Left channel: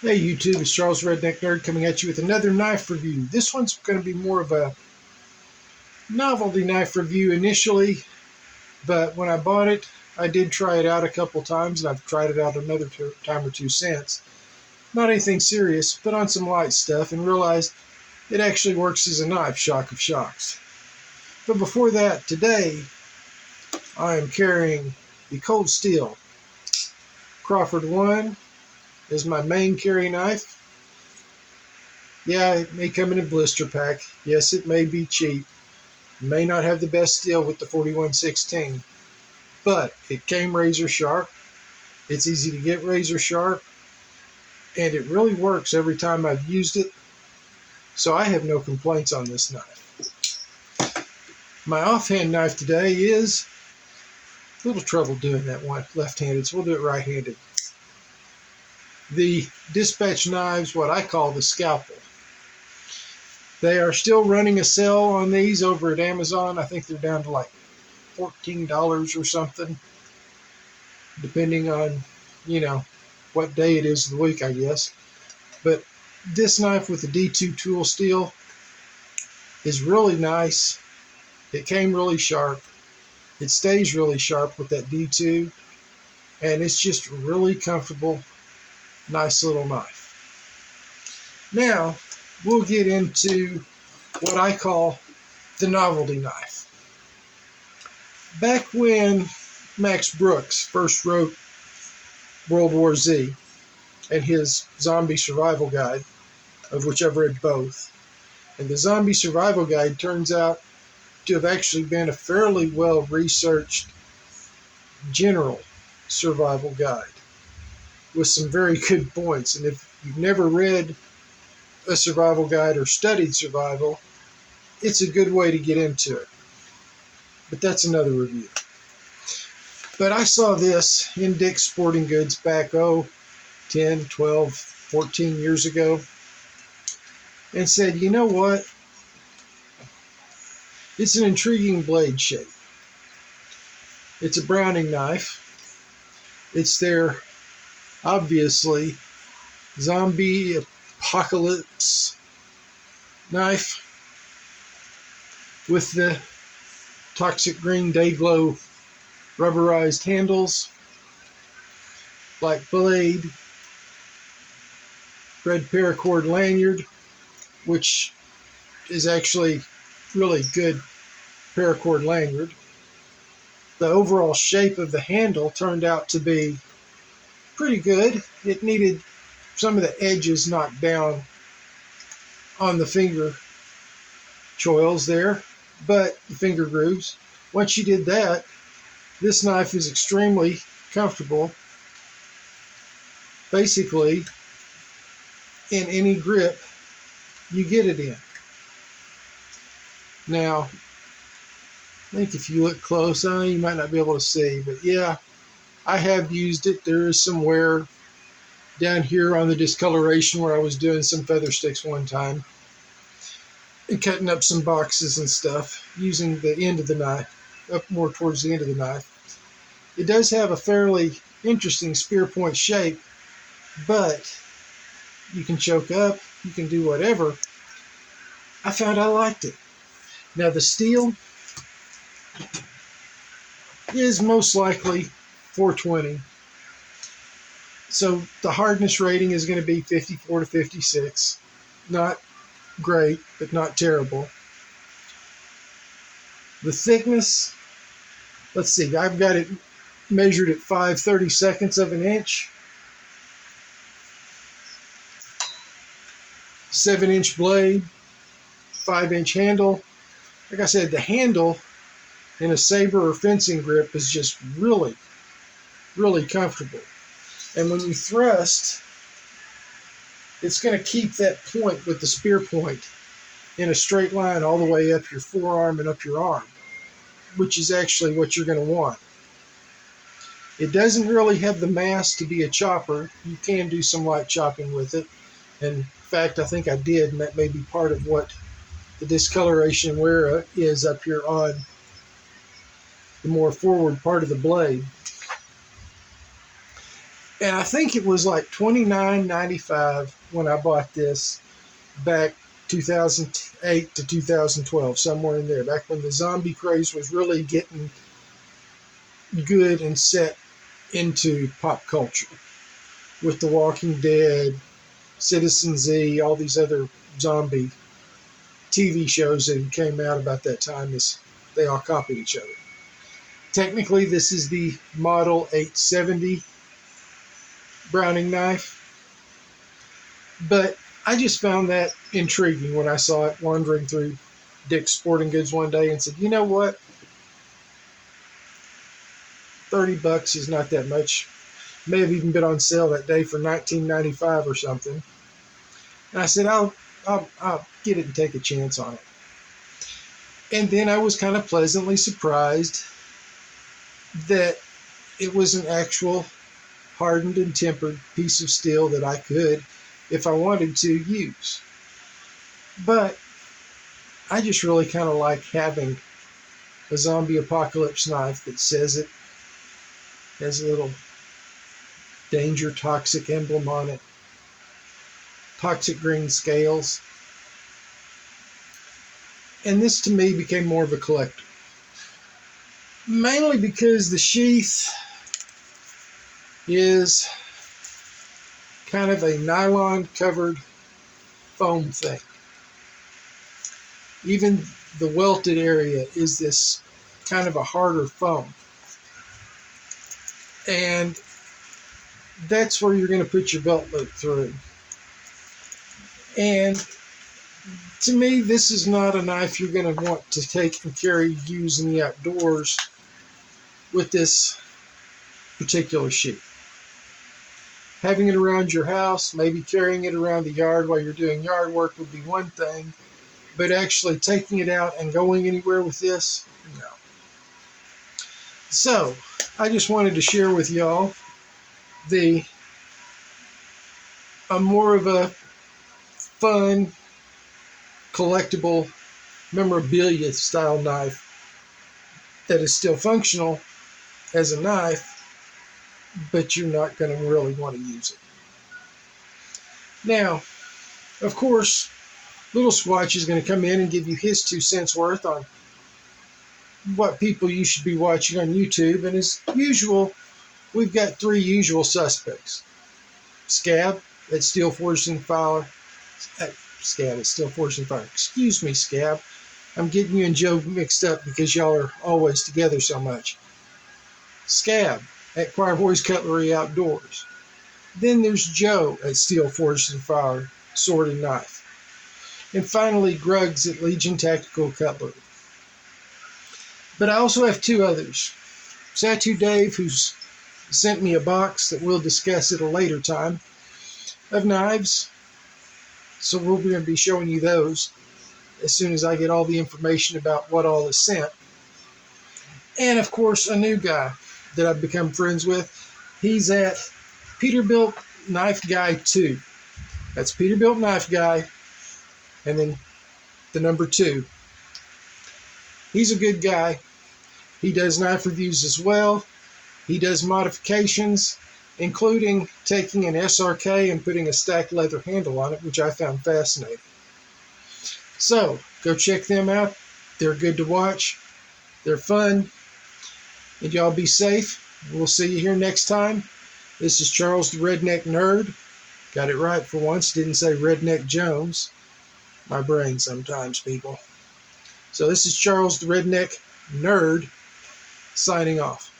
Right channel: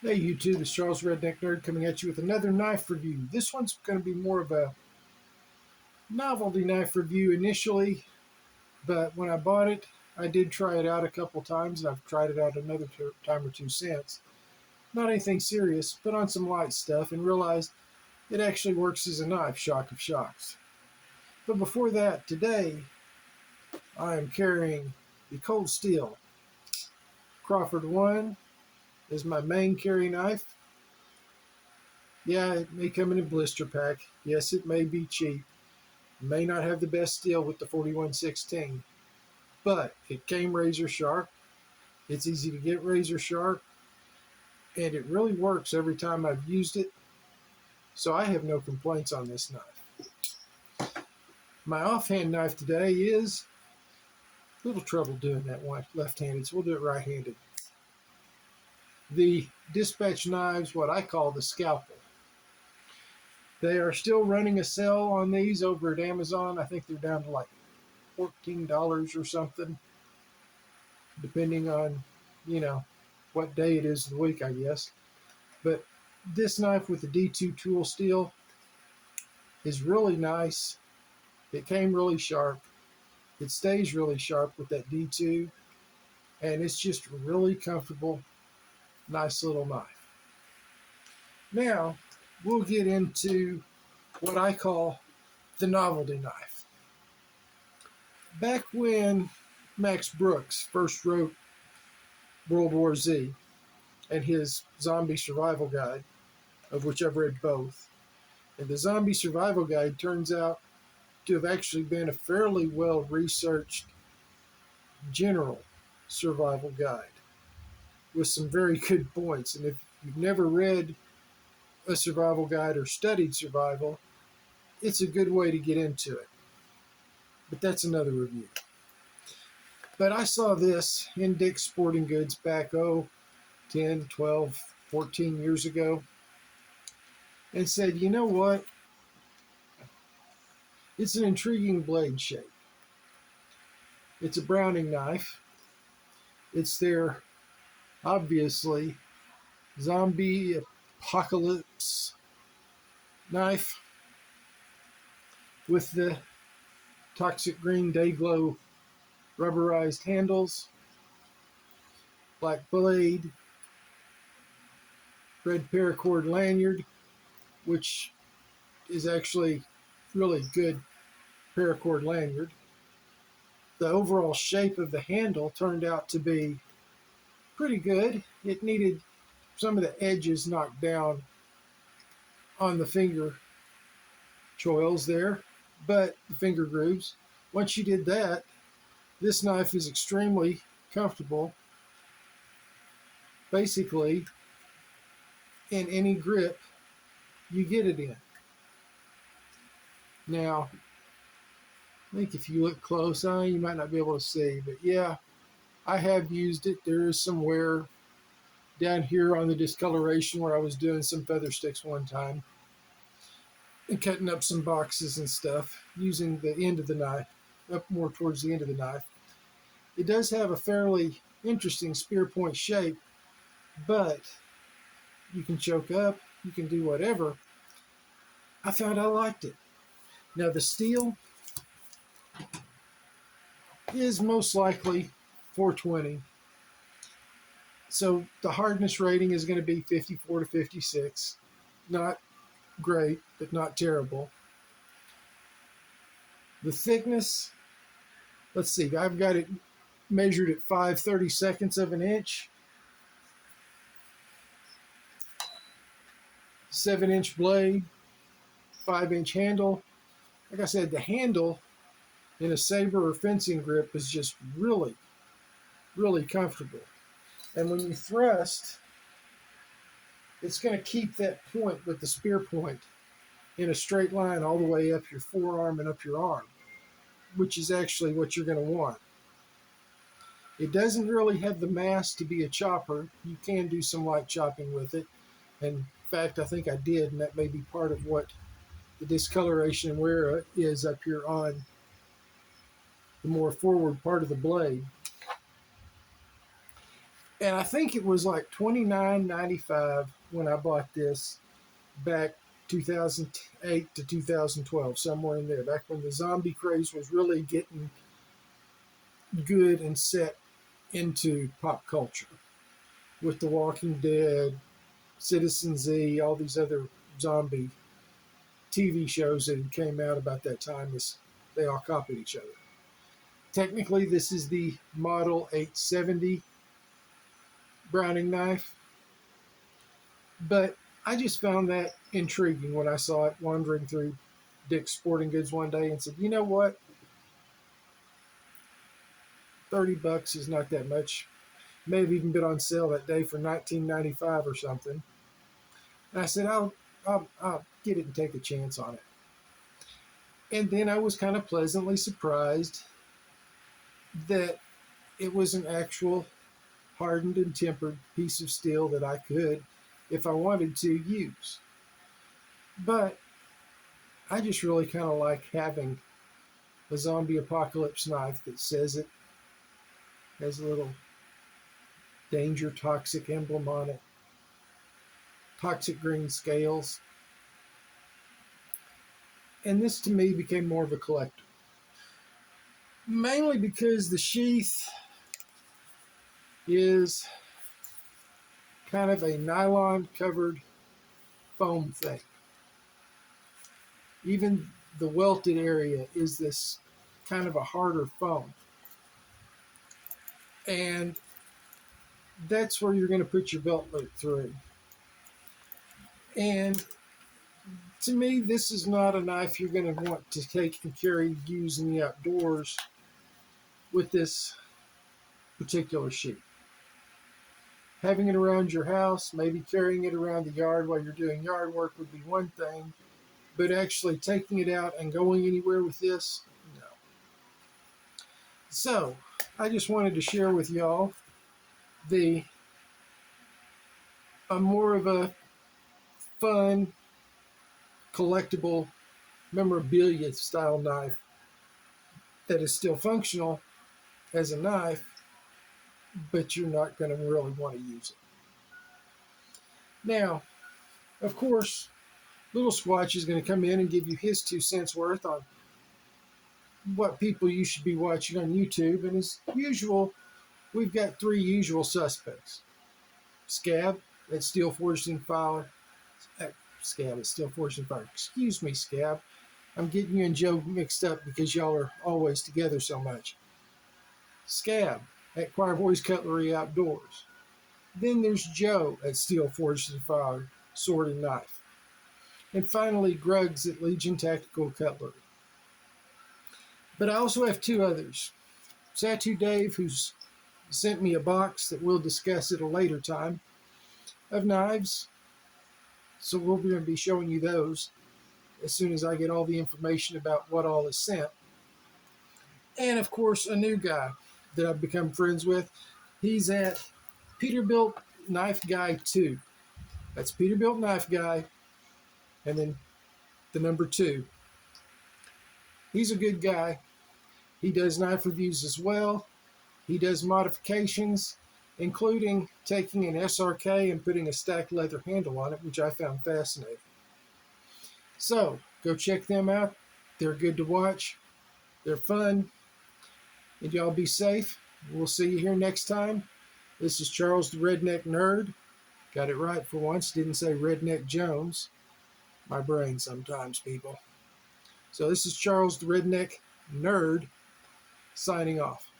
Hey YouTube, it's Charles Redneck Nerd coming at you with another knife review. This one's going to be more of a novelty knife review initially, but when I bought it, I did try it out a couple times, and I've tried it out another time or two since. Not anything serious, but on some light stuff, and realized it actually works as a knife, shock of shocks. But before that, today, I am carrying the Cold Steel Crawford 1 as my main carry knife. Yeah, it may come in a blister pack. Yes, it may be cheap. It may not have the best steel with the 4116, but it came razor sharp. It's easy to get razor sharp, and it really works every time I've used it. So I have no complaints on this knife. My offhand knife today is a little trouble doing that one left-handed, so we'll do it right-handed. The dispatch knives, what I call the scalpel. They are still running a sale on these over at Amazon. I think they're down to like $14 or something, depending on, what day it is of the week, I guess. But this knife with the D2 tool steel is really nice. It came really sharp. It stays really sharp with that D2, and it's just really comfortable, nice little knife. Now, we'll get into what I call the novelty knife. Back when Max Brooks first wrote World War Z and his zombie survival guide, of which I've read both, and the zombie survival guide turns out to have actually been a fairly well-researched general survival guide with some very good points. And if you've never read a survival guide or studied survival, it's a good way to get into it. But that's another review. But I saw this in Dick's Sporting Goods back, 10, 12, 14 years ago, and said, you know what? It's an intriguing blade shape. It's a Browning knife. It's their, obviously, zombie apocalypse knife with the toxic green day glow rubberized handles, black blade, red paracord lanyard, which is actually really good paracord lanyard. The overall shape of the handle turned out to be pretty good. It needed some of the edges knocked down on the finger choils there, but the finger grooves. Once you did that, this knife is extremely comfortable, basically in any grip you get it in. Now, I think if you look close, you might not be able to see, but yeah, I have used it. There is some wear down here on the discoloration where I was doing some feather sticks one time and cutting up some boxes and stuff using the end of the knife, up more towards the end of the knife. It does have a fairly interesting spear point shape, but you can choke up, you can do whatever. I found I liked it. Now the steel is most likely 420. So the hardness rating is going to be 54 to 56. Not great, but not terrible. The thickness, let's see, I've got it measured at 5/32 of an inch. 7-inch blade, 5-inch handle. Like I said, the handle in a saber or fencing grip is just really, really comfortable. And when you thrust, it's going to keep that point with the spear point in a straight line all the way up your forearm and up your arm, which is actually what you're going to want. It doesn't really have the mass to be a chopper. You can do some light chopping with it. And in fact, I think I did, and that may be part of what the discoloration wear is up here on the more forward part of the blade. And I think it was like $29.95 when I bought this back 2008 to 2012, somewhere in there, back when the zombie craze was really getting good and set into pop culture with The Walking Dead, Citizen Z, all these other zombie TV shows that came out about that time. As they all copied each other. Technically, this is the Model 870 Browning knife, but I just found that intriguing when I saw it wandering through Dick's Sporting Goods one day and said, you know what? $30 is not that much. May have even been on sale that day for $19.95 or something. And I said, I'll get it and take a chance on it. And then I was kind of pleasantly surprised that it was an actual hardened and tempered piece of steel that I could, if I wanted to, use. But I just really kind of like having a zombie apocalypse knife that says it has a little danger toxic emblem on it, toxic green scales. And this to me became more of a collector. Mainly because the sheath is kind of a nylon covered foam thing. Even the welted area is this kind of a harder foam. And that's where you're going to put your belt loop through. And to me, this is not a knife you're going to want to take and carry, use in the outdoors with this particular sheath. Having it around your house, maybe carrying it around the yard while you're doing yard work would be one thing, but actually taking it out and going anywhere with this, no. So, I just wanted to share with y'all more of a fun, collectible, memorabilia style knife that is still functional as a knife, but you're not going to really want to use it. Now, of course, Little Squatch is going to come in and give you his 2 cents worth on what people you should be watching on YouTube. And as usual, we've got 3 usual suspects. Scab at Steel Forged and Fire. Scab at Steel Forged and Fire. Excuse me, Scab. I'm getting you and Joe mixed up because y'all are always together so much. Scab at Choir Boys Cutlery Outdoors. Then there's Joe at Steel Forged and Fire, Sword and Knife. And finally, Gruggs at Legion Tactical Cutlery. But I also have 2 others. Satu Dave, who's sent me a box that we'll discuss at a later time, of knives. So we're going to be showing you those as soon as I get all the information about what all is sent. And of course, a new guy that I've become friends with. He's at Peterbilt Knife Guy 2. That's Peterbilt Knife Guy, and then the number 2. He's a good guy. He does knife reviews as well. He does modifications, including taking an SRK and putting a stacked leather handle on it, which I found fascinating. So, go check them out. They're good to watch. They're fun. And y'all be safe. We'll see you here next time. This is Charles the Redneck Nerd. Got it right for once. Didn't say Redneck Jones. My brain sometimes, people. So this is Charles the Redneck Nerd signing off.